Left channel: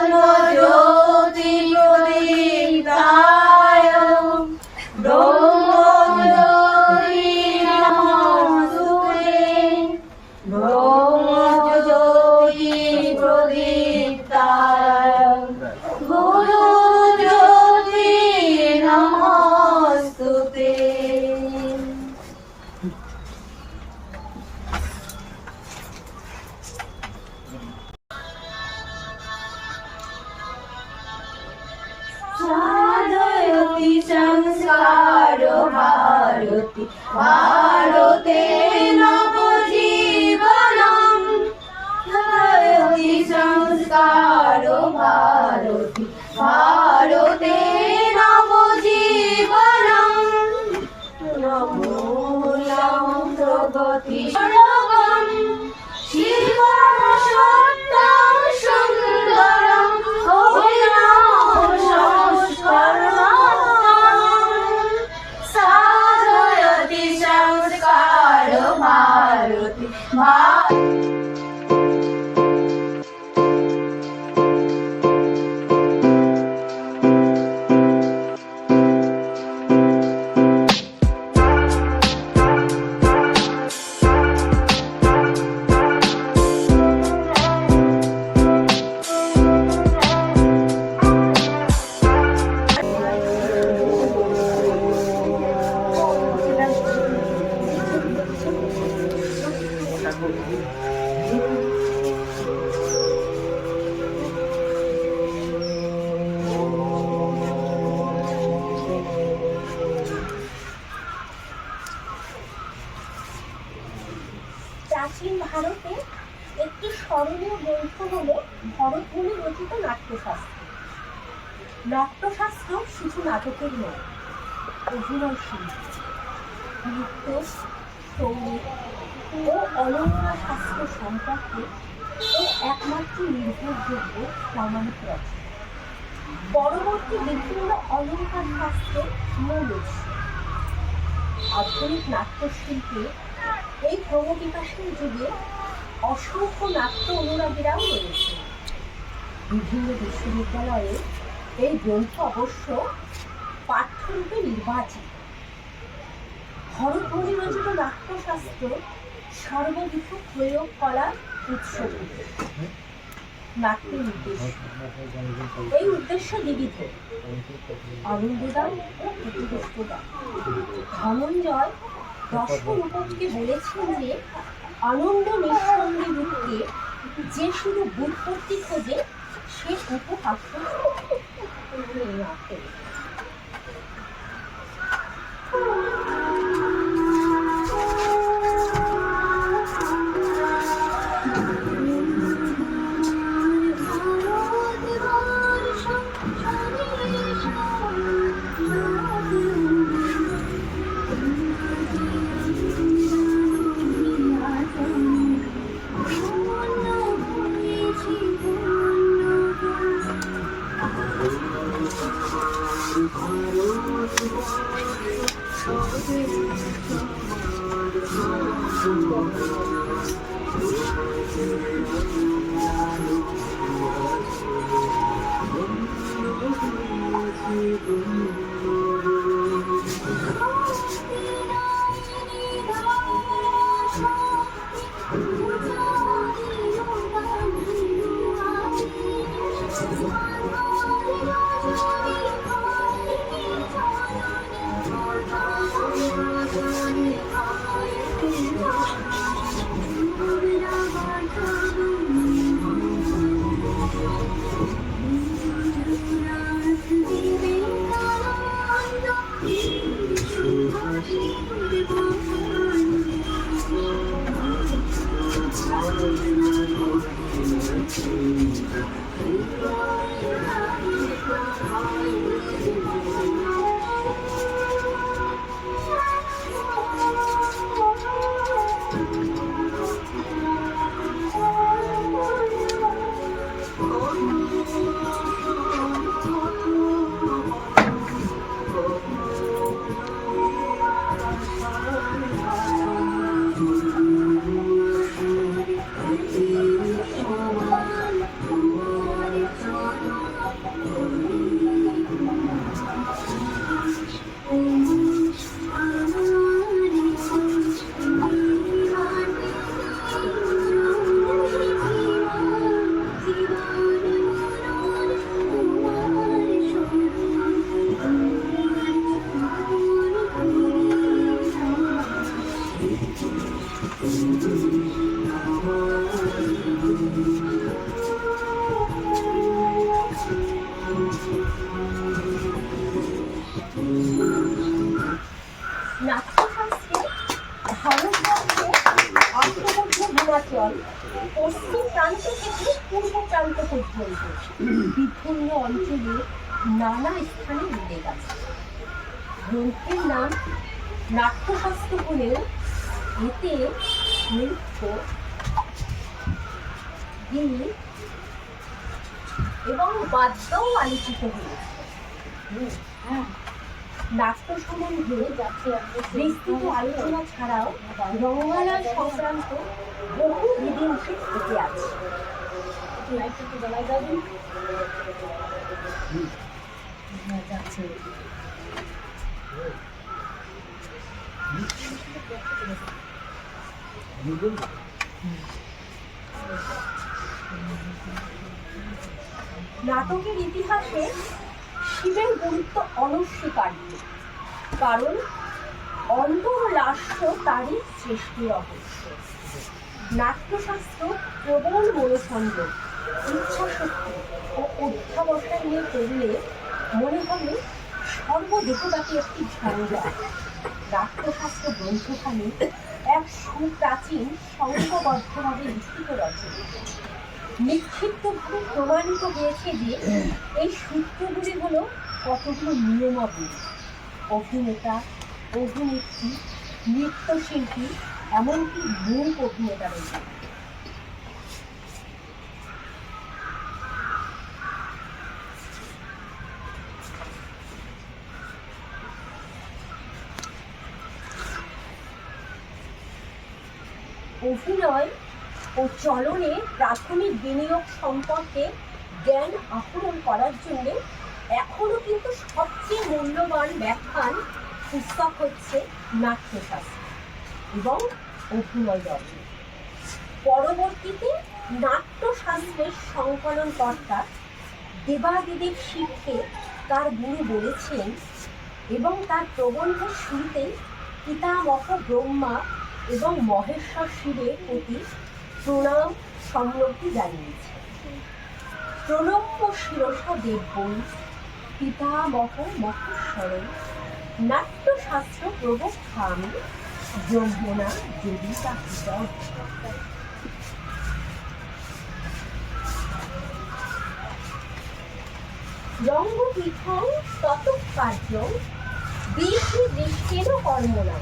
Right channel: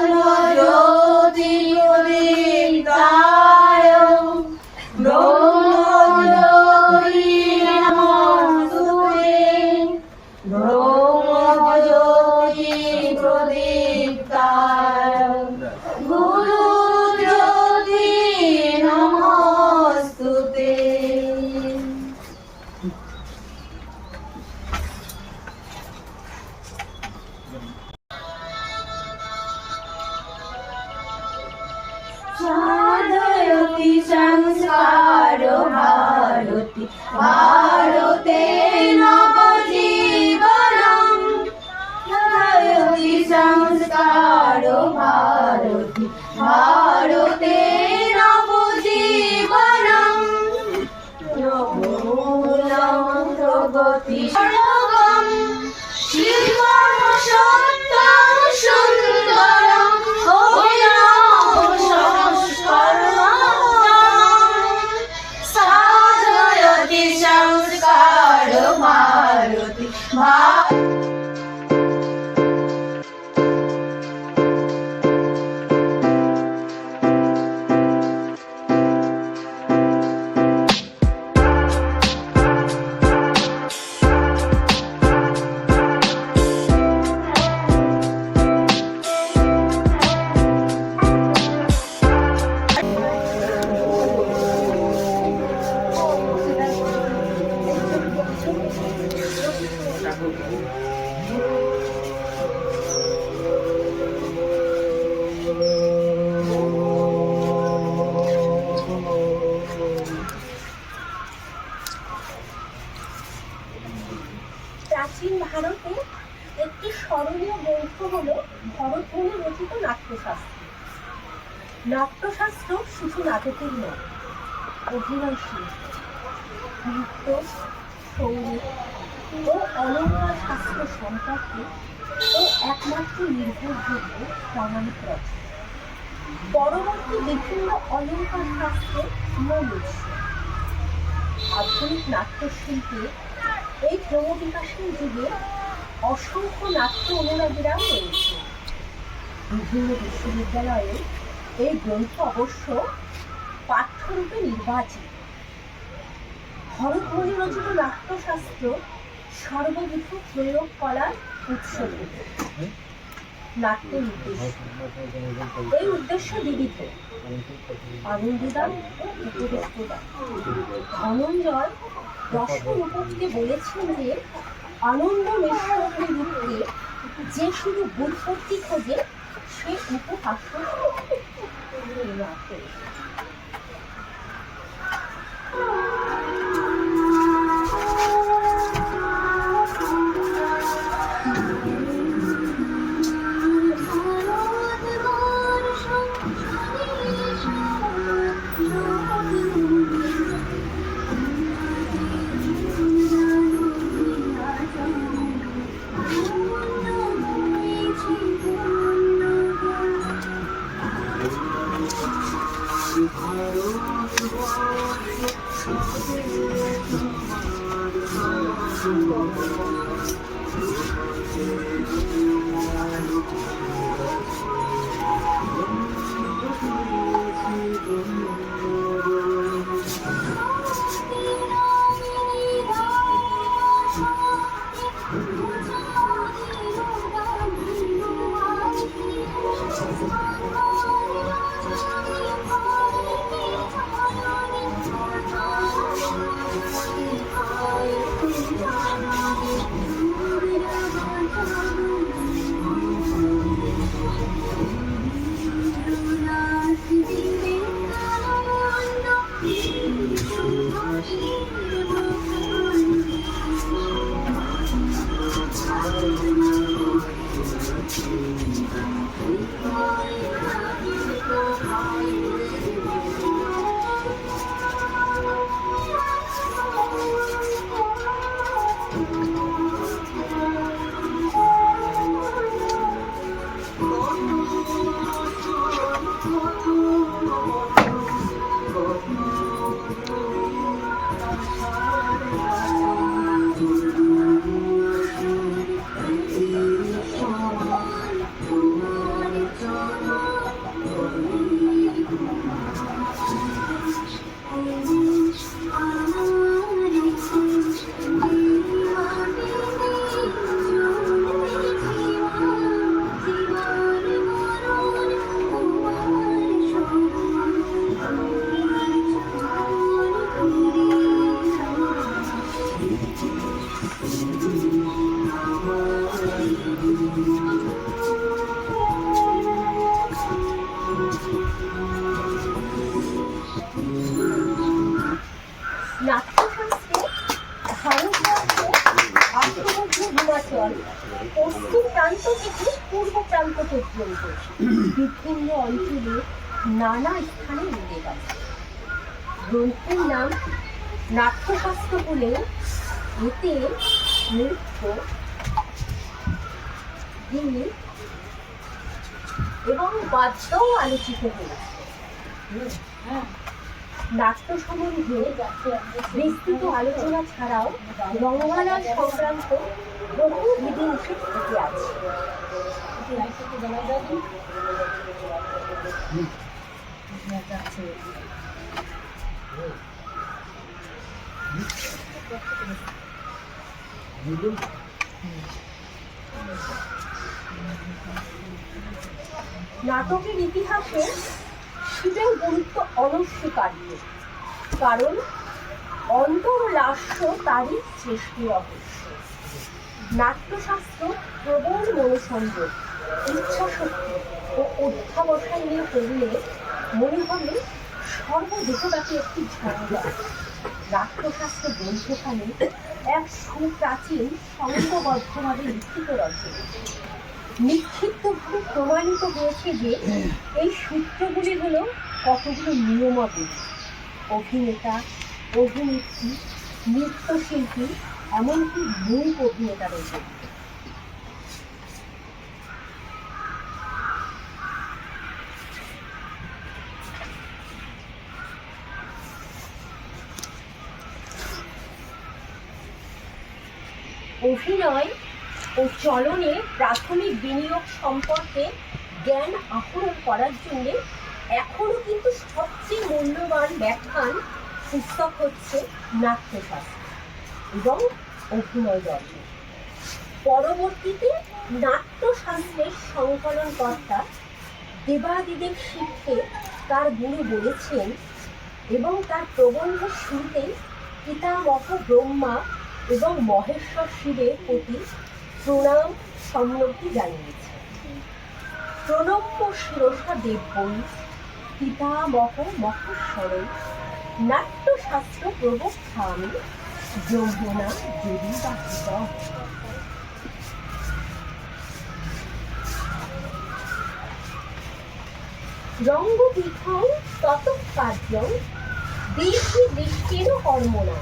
আত্মজ্যোতি প্রদীপ্তায় ব্রহ্মজ্যোতি নমস্তুতে ব্রহ্মজ্যোতি প্রদীপ্তায় গুরুজ্যোতি নমস্তুতে। সাধয়তি সংস্কার ভারতি ভারতে নবজীবনম সাধয়তি সংস্কার ভারতি ভারতে নবজীবনম মূলম প্রগতি সর্বম শিবম সত্যম সুন্দরম অভিনব সংস্করণম সাধয়তি সংস্কার ভারতি প্রাচীন ভারতে একটি স্মরণীয় গ্রন্থ হল ভরতমুনি রচিত নাট্যশাস্ত্র। নাট্যশাস্ত্র শুধু নাটকের নয়, অভিনয় শিল্প, নৃত্য, সঙ্গীত ও অলঙ্কার শাস্ত্র সম্পর্কে ও একমাত্র নির্ভরযোগ্য প্রামাণিক রচনা। পরবর্তী বিভিন্ন অলঙ্কার শাস্ত্রের মূল উৎস। আধুনিক নাট্যশিল্পে এই ক্রমবিকাশের যুগে অসংখ্য নাট্য অনুরাগীরাও রয়েছে। বিভিন্ন বিশ্ববিদ্যালয়ে এই গ্রন্থ অবশ্য পাঠ্যরূপে নির্বাচিত। ভরতমুনি রচিত নাট্যশাস্ত্র সর্ববিধ প্রয়োগ করার উৎস। নাট্যের উদ্দেশ্য, এই উদ্দেশ্য বিবিধ: আনন্দদান ও উপদেশদান। ধনঞ্জয় রসরূপককে বলেছেন যে আনন্দ নিঃসঙ্গী রূপকে যে শুধু বুৎপত্তি খোঁজে সে উপহাস্য। পূর্ব প্রান্ত পর্যন্ত বিভিন্ন অঞ্চলে নানা স্থানে মিলে গেছে। গ্রন্থের নাম নাট্যশাস্ত্র হলেও এতে নৃত্য, গীত এবং বাদ্যও আলোচিত হয়েছে। নাট্য সম্বন্ধে বিস্তৃত আলোচনা ছাড়াও রঙ্গমহল সংক্রান্ত বহু বিধিনিষেধ এতে আছে। নাটকের ইতিহাসে শিবের গুরুত্ব অনস্বীকার্য, কারণ অন্তর্লাস্য তারই সৃষ্টি রহস্য। নাট্যশাস্ত্র প্রবল মনোসংযোগ, ইচ্ছাশক্তি ও অধ্যাবসায় নিয়ে পড়লে মনে হবে সর্বদেশব্যাপী একটি ঝঞ্ঝা। নাট্যশাস্ত্র গ্রন্থখানি এক সুপ্রাচীন সংঘবদ্ধভাবে লিখিত রচনা। নিক্ষিপ্তভাবে প্রমাণিত হয়েছে যে এই সূত্রগুলি হল কতগুলো নিয়মাবলী। অভিনেতা, অভিনেত্রী, নৃত্যশিল্পী, এমনকি মূল অভিনেতাদের জন্য। অভিনয় ও চলনে প্রাথমিক বিনিয়োগ সম্পর্কে জ্ঞান আহরণ করার জন্য এখনো কিন্তু সবচেয়ে মূল্যবান ব্যাখ্যান পুস্তক হচ্ছে নাট্যশাস্ত্র এবং অভিনয় দর্শন। পরবর্তীতে নাট্যশাস্ত্রের সংকলনকর্তা দেবাদিদেব শিবকে তার গুরু বলেছেন এবং তার প্রবন্ধের শুরুতেই পিতামহ ব্রহ্মা এবং মহেশ্বর শিবের প্রতি প্রণাম সম্মতি জানিয়েছে। প্রণম্য শিরসা দেববৈ পিতামহ মহেশ্বরৈ নাট্যশাস্ত্র প্রবক্ষ্যামি যমুনা যদি বাহিতম। রঙ্গপীঠং তত কার্যং দেহি দৃষ্টেন কর্মণা